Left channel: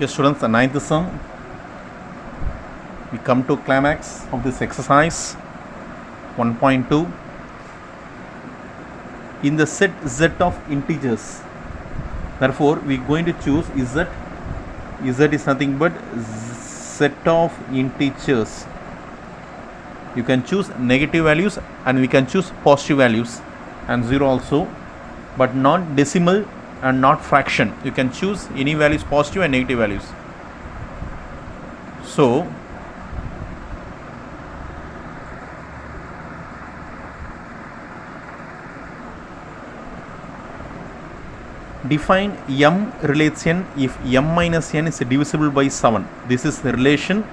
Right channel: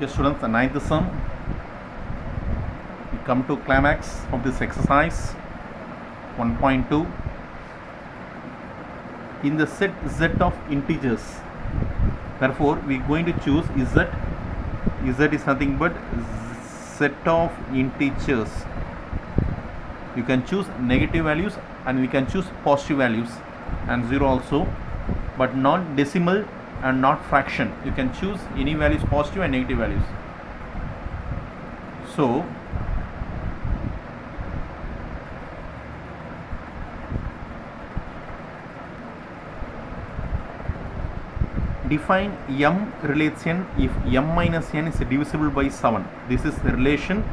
Okay, students, the ninth sum. We come to climax of this exercise 1.2. In the set z of integers, therefore we are going to choose z. Z is nothing but set of integers. You can choose negative values and we can choose positive values and 0 also, but not decimal and not fraction. You can choose any values, positive and negative values. So define m relates n if m minus n is divisible by 7. This is the relation,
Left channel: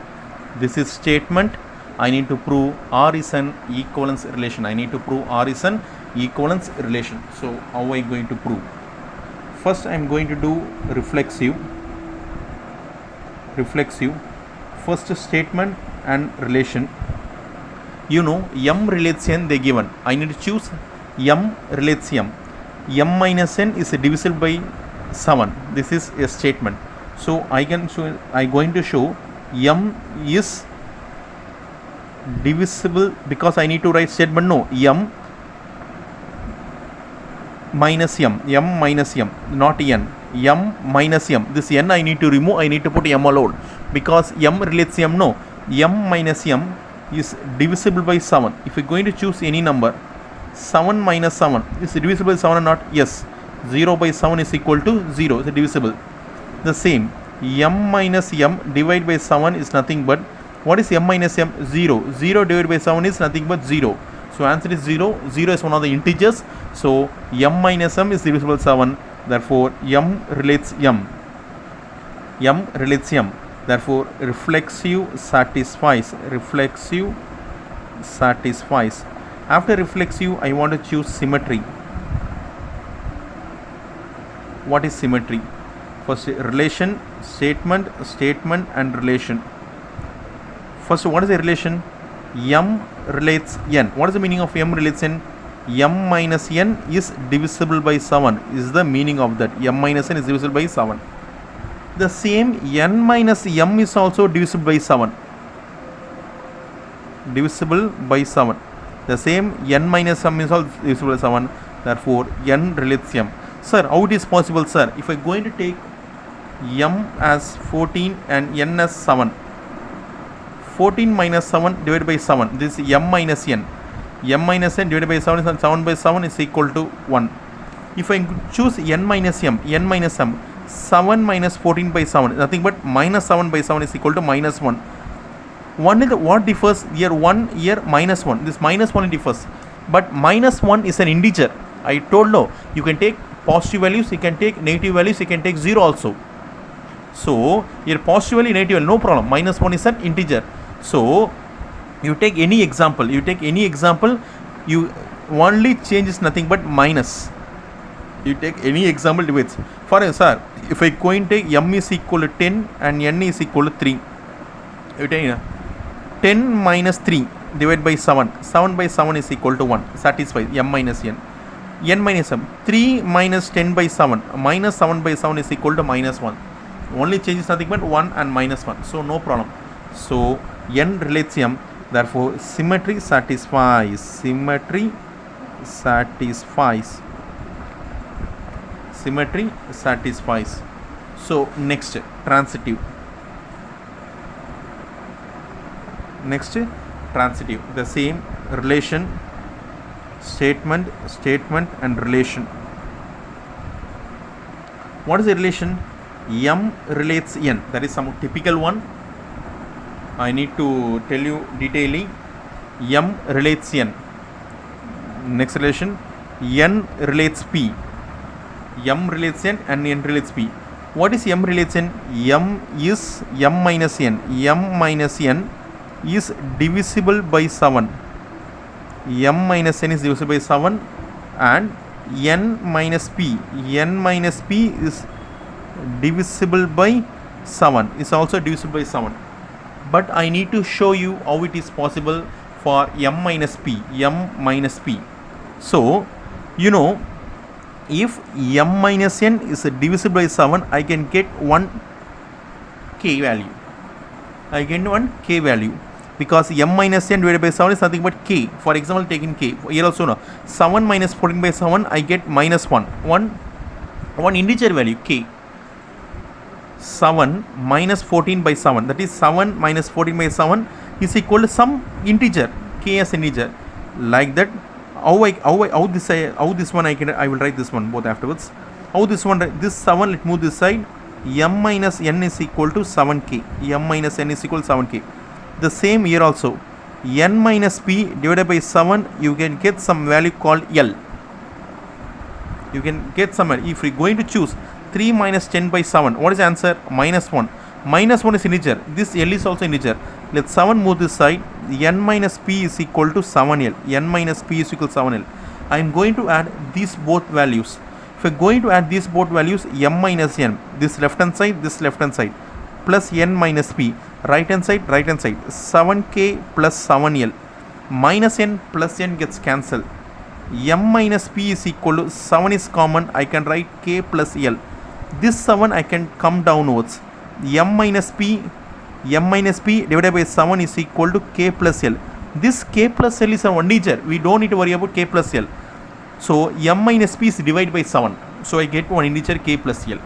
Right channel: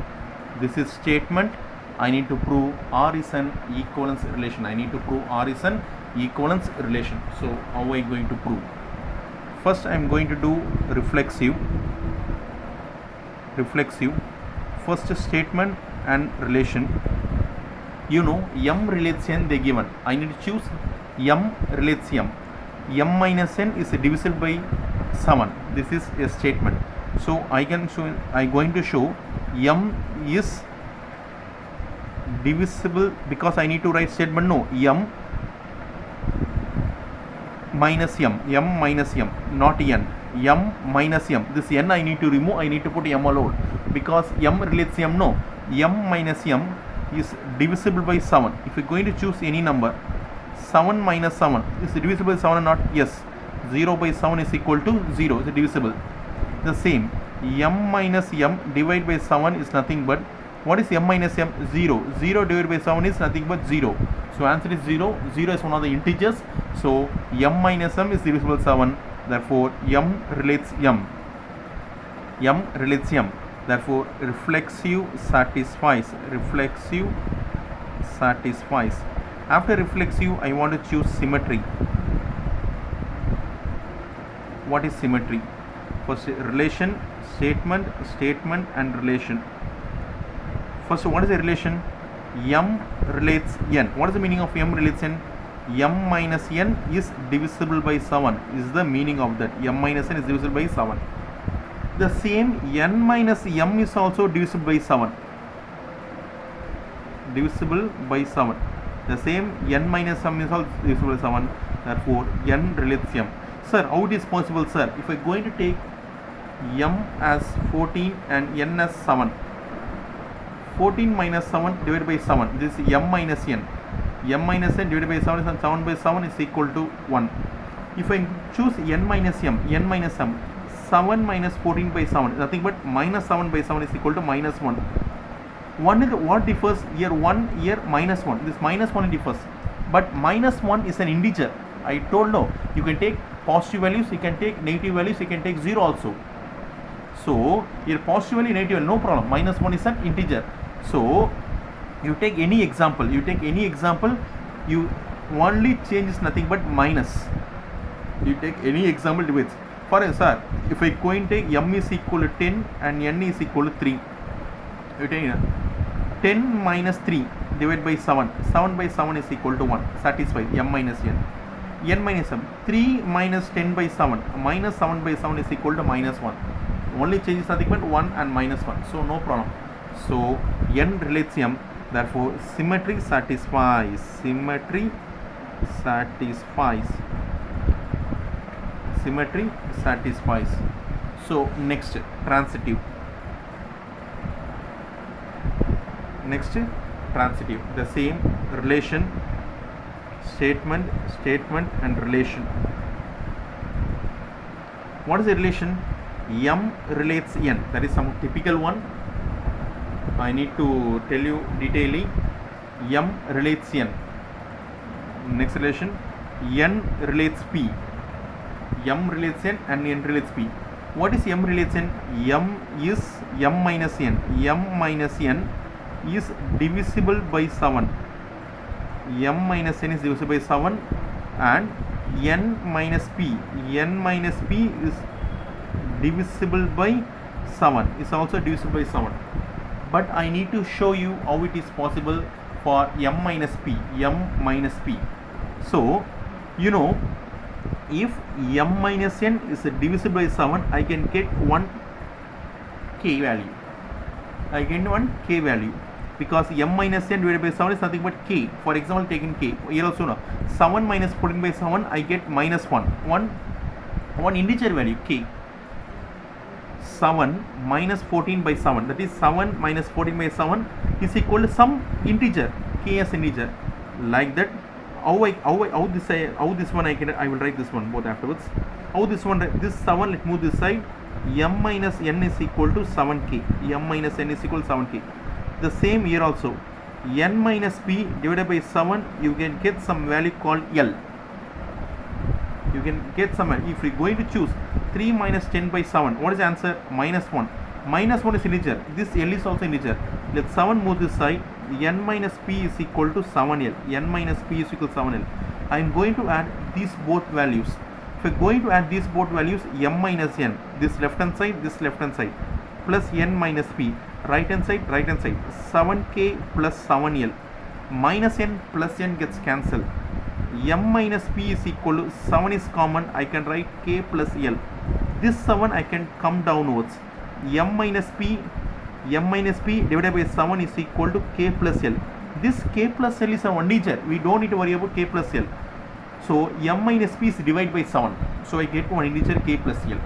this is statement. I need to prove R is an equivalence relation. I need to prove R is an equivalence relation. So how am I going to prove? First I am going to do reflexive. First statement and relation. You know m relates n, they given. I need to choose m relates m. M minus n is divisible by 7. This is a statement. So I going to show m is divisible because I need to write statement. No, m minus m, not n. M minus m. This n I need to remove. I need to put m alone because m relates m. No, m minus m is divisible by 7. If you're going to choose any number, 7 minus 7 is divisible by 7 or not? Yes. 0 by 7 is equal to 0. It's divisible. The same. M minus m divided by 7 is nothing but, what is m minus m? 0. 0 divided by 7 is nothing but 0. So answer is 0. 0 is one of the integers. So m minus m is divisible by 7. Therefore m relates m. M relates m. Therefore reflexive satisfies. After reflexive, I want to choose symmetry. What is symmetry? First, relation, statement and relation. First, what is a relation? M relates n. What is the meaning of m relates n? M minus n is divisible by 7 is the meaning of that. M minus n is divisible by 7. The same n minus m is also divisible by 7. The same n minus m is also divisible by 7. Therefore n relates m. Sir, how it is possible, sir? If I am going to take m as 14 and n as 7, 14 minus 7 divided by 7, this is m minus n. M minus n divided by 7 is 7 by 7 is equal to 1. If I choose n minus m, 7 minus 14 by 7, nothing but minus 7 by 7 is equal to minus 1. What differs here? 1, here minus 1. This minus 1 differs. But minus 1 is an integer. I told no. You can take positive values, you can take negative values, you can take 0 also. So here positive value, negative value, no problem. Minus 1 is an integer. So you take any example. You only change is nothing but minus. You take any example divides. For example, if I go and take m is equal to 10 and n is equal to 3, you take 10 minus 3 divided by 7. 7 by 7 is equal to 1. Satisfies m minus n. N minus m. 3 minus 10 by 7. Minus 7 by 7 is equal to minus 1. Only change is nothing but 1 and minus 1. So no problem. So n relates m. Therefore symmetry satisfies. Symmetry satisfies. So next, transitive. The same relation, statement and relation. What is the relation? M relates n. That is some typical one. I need to tell you detailing. M relates n. Next relation, n relates p. M relates n and n relates p. What is m relates n? M is m minus n. M minus n is divisible by 7. M minus n is divisible by 7 and n minus p. N minus p is divisible by 7. Is also divisible by 7. But I need to show you how it is possible for m minus p. So, you know, if m minus n is divisible by 7, I can get one k value. I get one k value because m minus n divided by 7 is nothing but k. For example, taking k. Here also no. 7 minus 14 by 7, I get minus 1. One integer value k. 7 minus 14 by 7, that is 7 minus 14 by 7 is equal to some integer, k as integer. Like that, how this one I will write this one both afterwards. How this 7, let move this side. M minus n is equal to 7k. M minus n is equal to 7k. The same here also. N minus p divided by 7, you can get some value called L. You can get some value. If we are going to choose 3 minus 10 by 7, what is the answer? Minus 1. Minus 1 is integer. This L is also integer. Let 7 move this side. N minus p is equal to 7L. N minus p is equal to 7L. I am going to add these both values. If we are going to add these both values, m minus n, this left hand side, plus n minus p, right hand side, 7k plus 7L, minus n plus n gets cancelled. M minus p is equal to 7 is common, I can write k plus L. This 7 I can come downwards. M minus p divided by 7 is equal to k plus L. This k plus L is an integer. We don't need to worry about k plus L. So m minus p is divided by 7. So I get one integer k plus L.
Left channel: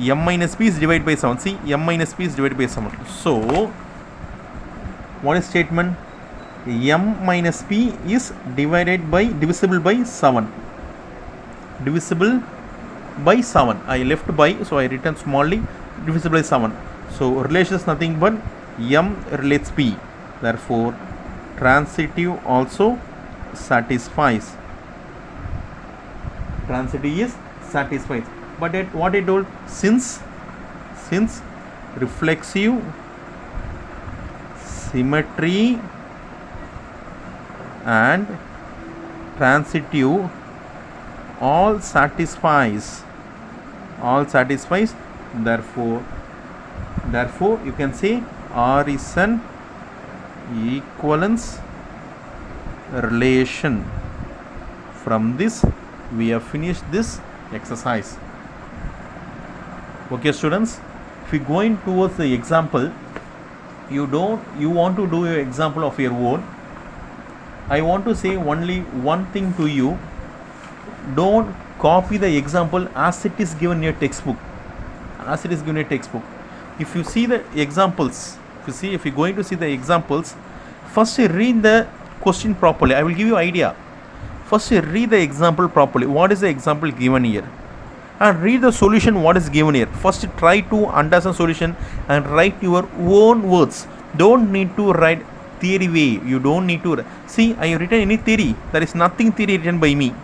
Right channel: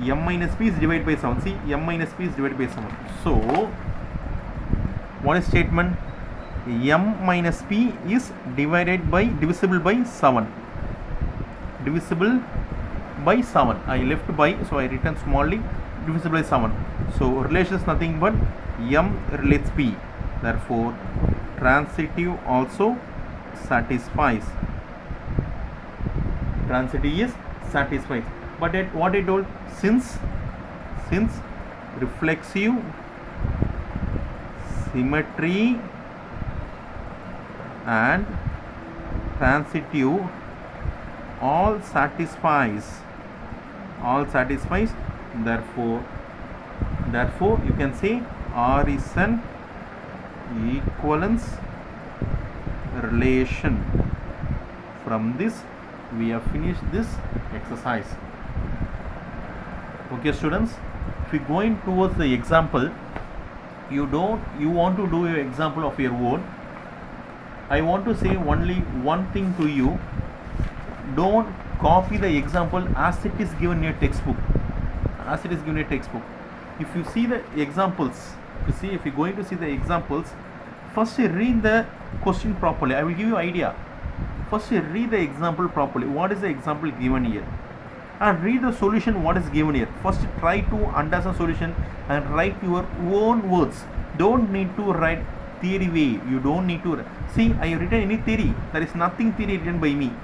M minus p is divided by 7. See, m minus p is divided by 7. So what is statement? M minus p is divisible by 7. Divisible by 7. I left by, so I written smallly, divisible by 7. So relation is nothing but m relates p. Therefore, transitive also satisfies. Transitive is satisfies. But at what I told, since reflexive, symmetry and transitive all satisfies, therefore you can say R is an equivalence relation. From this we have finished this exercise. Okay students, if you going towards the example, you want to do an example of your own. I want to say only one thing to you: don't copy the example as it is given in your textbook. If you see the examples, if you're going to see the examples, first read the question properly. I will give you idea. First read the example properly. What is the example given here? And read the solution what is given here. First try to understand solution and write your own words. Don't need to write theory way. You don't need to see I have written any theory. There is nothing theory written by me.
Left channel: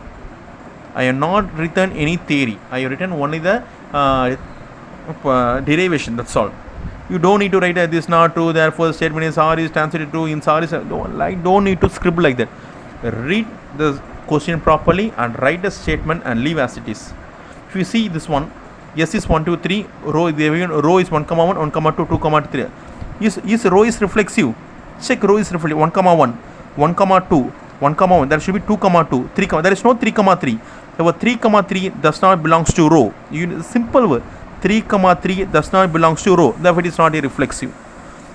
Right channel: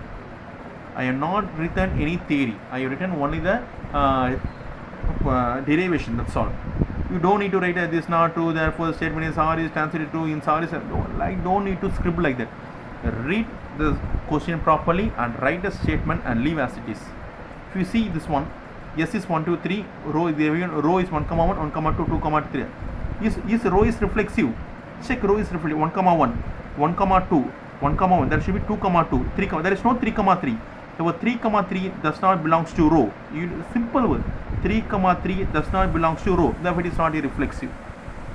I have not written any theory. I have written only the derivation. That's all. You don't need to write this is not true, therefore the statement is R is translated true in R is don't need to scribble like that. Read the question properly and write the statement and leave as it is. If you see this one, S is 1, 2, 3, row is 1, 1, 2, 2, 3. Is row is reflexive? Check row is reflexive. 1, 1, 2, 1, 1. There should be 2, 2, 3. There is no 3, 3. Therefore 3, 3 does not belongs to row. Simple word. 3, 3 does not belongs to row. Therefore it is not a reflexive.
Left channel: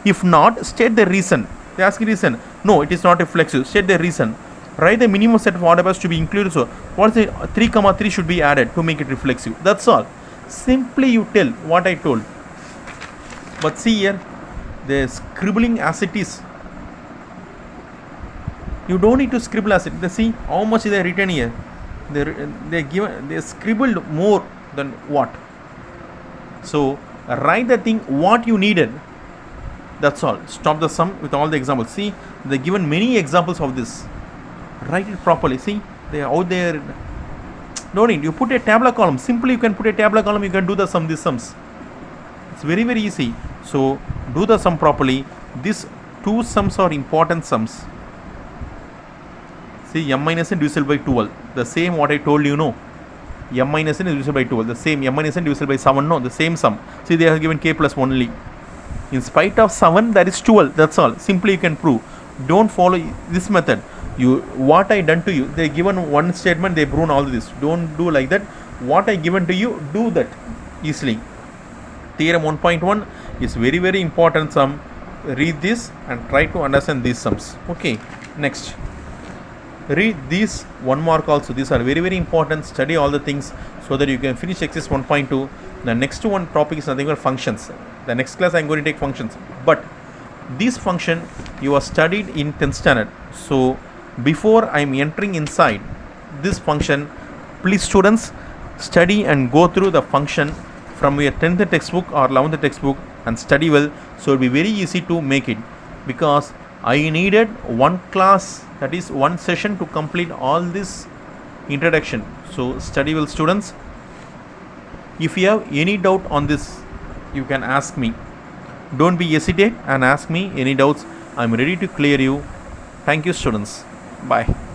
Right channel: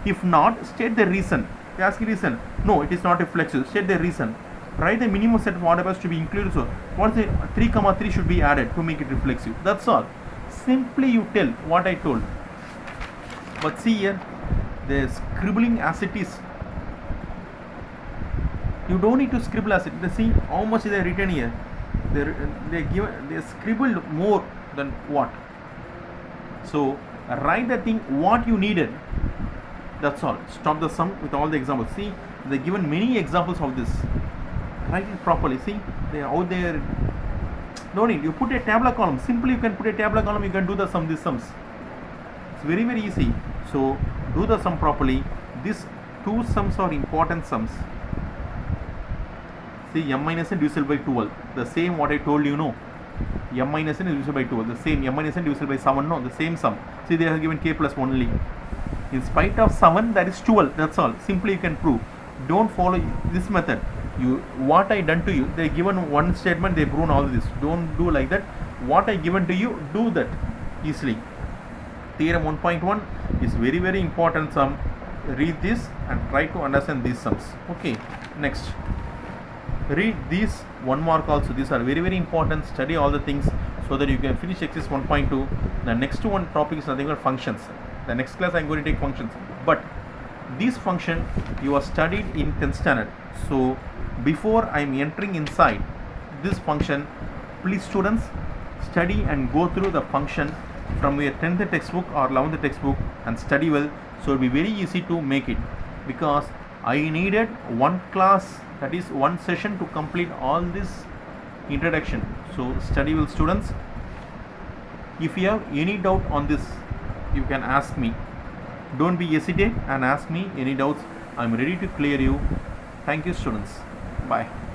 If not, state the reason. They ask you reason. No, it is not reflexive. State the reason. Write the minimum set of order bus to be included. So what is the 3, 3 should be added to make it reflexive. That's all. Simply you tell what I told. But see here, the scribbling as it is. You don't need to scribble as it is. See how much they written here. They scribbled more than what. So write the thing what you needed. That's all. Stop the sum with all the examples. See, they given many examples of this. Write it properly. See, they are out there. No need. You put a tabular column. Simply you can put a tabular column. You can do the sum. These sums. It's very very easy. So do the sum properly. These two sums are important sums. See, m minus n divisible by 12. The same what I told you. No. M minus n is divisible by 12. The same m minus n divisible by 7. No. The same sum. See, they have given k plus 1 only. In spite of 7, that is 12. That's all. Simply you can prove. Don't follow this method. What I done to you, they given one statement, they proven all this. Don't do like that. What I given to you, do that easily. theorem 1.1 is very very important sum. Read this and try to understand these sums. Okay, next read these 1 mark also. These are very very important. Study all the things so that you can finish exercise 1.2. The next one topic is nothing but functions. The next class I am going to take functions, but this function you are studied in 10th standard. So before I am entering inside this function, please students study and go through the function from your 10th textbook or 11th textbook and study well, so it will be very easy to make it, because I needed one class, that is one session, to complete all this introduction. So study well students. If you have any doubt on this, you can ask me. Don't be hesitate and ask me any doubts. I am ready to clear you. Thank you students. Bye.